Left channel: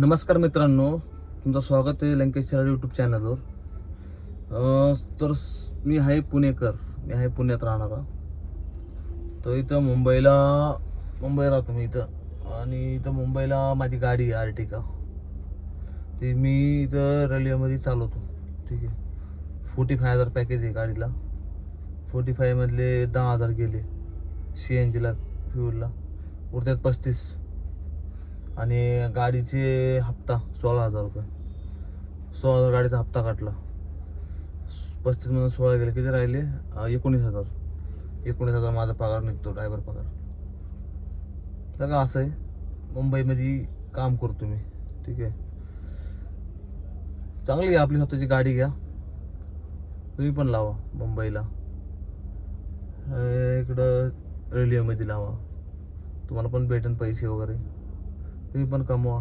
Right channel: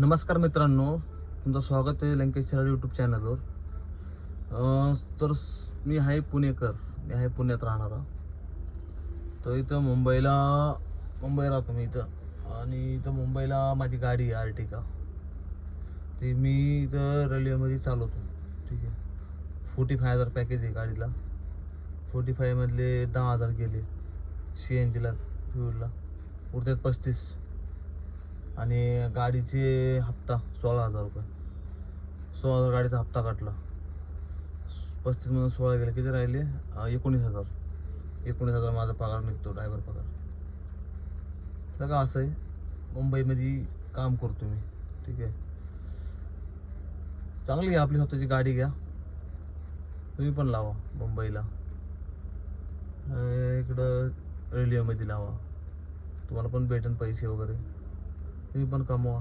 नमस्कार मित्रांनो, तुमचं स्वागत आहे लंकेश सराड यूट्यूब चॅनलवर. तर मी आहे पुणेकर, मी आहे पुण्यात राहणारा. तर इथं मुंबई राहतो मी इथं. आणि इथं मुंबईला माझी गाडी आहे आर्टिका. ती मी इथं रेल्वेमध्ये चालवतो. ठीक आहे. 45,000 पॅकेज आहे गाडीला. 45 मधले 10,000 गेले CNGला, फ्युलला. उरतात 35. आणि गाडीचे हप्ता 16,000 रुपये. 16,000 गाडीचा हप्ता काटला. 35 मधून 16 गेले, किती राहिले? 19,000. 19,000 माझा पगार निघतो, ड्रायव्हर पगार. तर का असं आहे, मुंबईमध्ये काम करतो मी. ठीक आहे. चांगली आहे आपली स्वतःची गाडी. घ्या तुम्ही पण, लावा मुंबईला. इकडं रेल्वेमध्ये लावा, तुम्हाला पण भेटेन पैसे वगैरे. तुम्ही पण कमवा.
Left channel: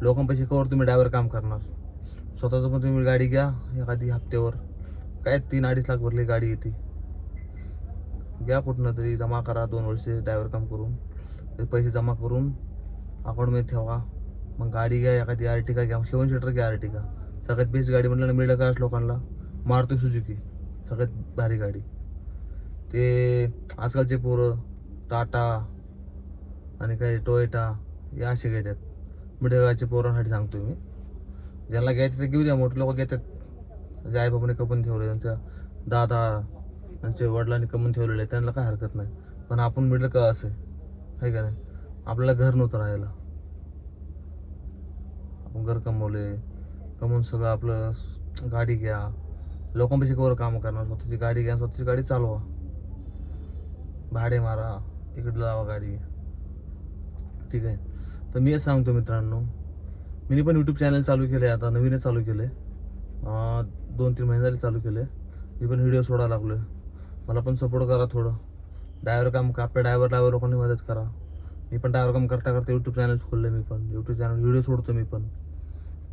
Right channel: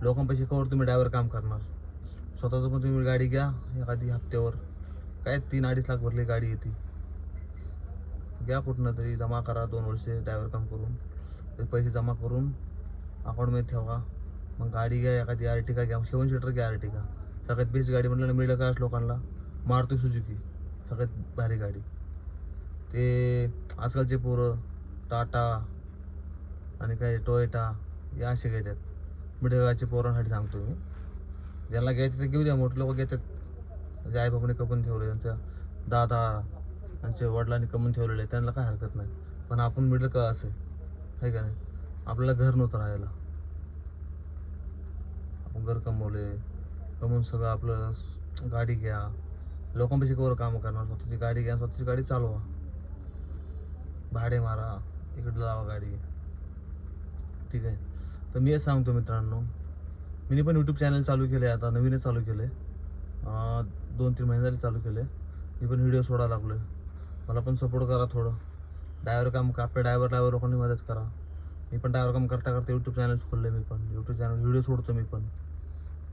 लोकांपाशी कवर तुम्ही ड्रायव्हर काम करणार. स्वतःचं पण तुम्ही गाडी घ्या एखादी हप्त्यावर. काय 3-2.5 लाख भरली गाडी येते. घ्या कुठनं तरी, जमा करा 2 वर्षे ड्रायव्हर काम करून. ते पैसे जमा करून अकाउंटमध्ये ठेवा. मग गाडी घ्या एखादी आर्टिका घ्या. 7 सीटर घ्या आर्टिका. सगळ्यात बेस्ट गाडी म्हटलं ना मिडल क्लास लोकांना, मारुती सुझुकी सगळ्यात भारी गाडी. ते आजकालचे पोरं टाटा आणि काही टोयोटा हे असे घेतात. मिडल क्लासचे पोरांसाठी सांगतो मी. ज्यांना घ्यायचं ते घेऊ द्या. मोठे लोक घेतात. म्हणजे आईबाबाने कमवून ठेवले, त्यांच्या दादा त्यांच्या वडिलांनी कमवून ठेवलेले, त्यांना काय हरकत नाही. पण आपण मिडल क्लास आहे का नाही? आपल्याला घर नव्हतं राहायला. आपण घर कमवून सगळं आपलं. गाडी घ्या, लोकांपाशी कवर काम करणार. स्वतःची गाडी घ्या, स्वतःची गाडी चालवा, भाडे मारा, इकडं लावा गाडी. ठीक आहे. तर मी सांगतो मित्रांनो, मी पण यूट्यूब चॅनल चालू केले. आता नवीनच चालू केले, 2-3 महिने झाले चालू केले. मी पण व्हिडिओ सोडायला लागलो आहे. मला पण सपोर्ट करा थोडं. ड्रायव्हर काम, आपल्या ड्रायव्हर लोकांनी मदत करा. मी पण ड्रायव्हर काम करता यूट्यूब चॅनल खोललं. मी पण यूट्यूब चॅनल व्हिडिओ सोडतो. मी पण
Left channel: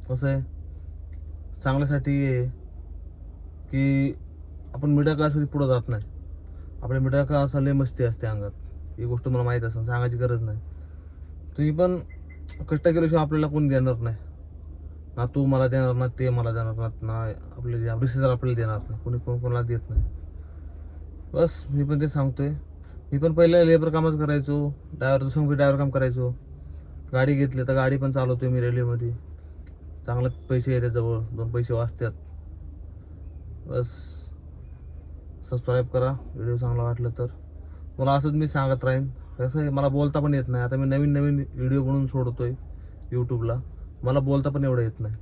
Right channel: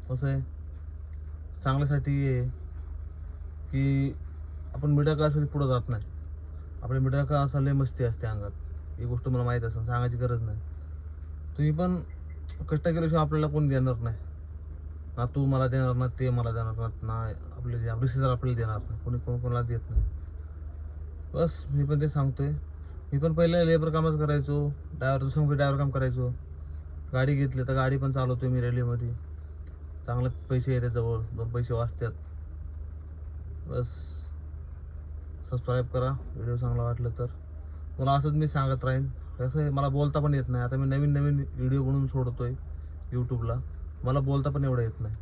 कसं आहे, चांगल्यासाठी आहे की आपण मिडल क्लासमध्ये पुढं जात नाही. आपल्या मिडल क्लास लय मस्ती असते अंगात. ही गोष्ट मला माहीत असेल, सांगायची गरज नाही. तुम्ही पण कष्ट केल्याशिवाय आपल्याला कोणी देणार नाही. ना तू मला देणार, ना ते मला देणार, ना आपले रिश्तेदार आपल्याला देणार नाही. कोणाला देत नाही. बस मी पण ते सांगतोय. मी पण पहिले लेबर कामच करायचो, ड्रायव्हर काम करायचो. गाडी घेतली तर गाडी पण चालवतोय मी रेल्वेमध्ये. चांगले पैसे येतात, जवळ 2 पैसे वाचतात. बस सबस्क्राईब करा व्हिडिओ चांगला वाटलं तर. मला असंच मी सांगत राहीन. कसं आहे, मला बोलता पण येत नाही. आता मी नवीन व्हिडिओ बनवून सोडतोय यूट्यूबला. मला बोलता पण एवढं येत नाही.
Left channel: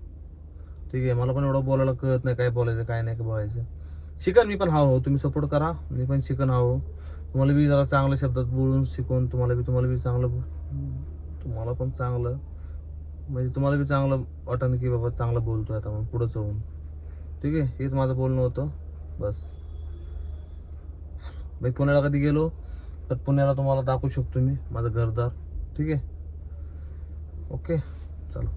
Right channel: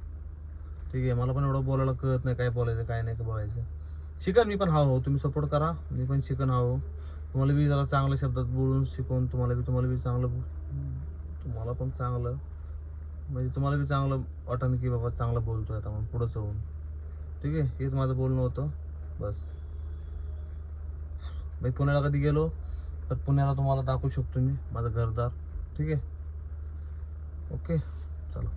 ठीक आहे. मला पण एवढं बोलायला कळत नाही, काय बोलायचं काय नाही बोलायचं. शिकन मी पण हो. तुम्ही सपोर्ट करा, मी पण शिकन हो. तुम्हाला बी जरा चांगल्या शब्दात बोलून शिकवून तुम्हाला बी चांगलं, तुम्हाला पण चांगलं, म्हणजे तुम्हाला बी चांगलं वाटन की बाबा चांगलं बोलतोय आता मग पुढं जाऊन. ठीक आहे. हेच माझं बोलणं होतं. बस मी पुण्याला कधी गेलो तर पुण्याला तुम्हाला दाखवू शकतो मी माझं घरदार. ठीक आहे. ओके, चला.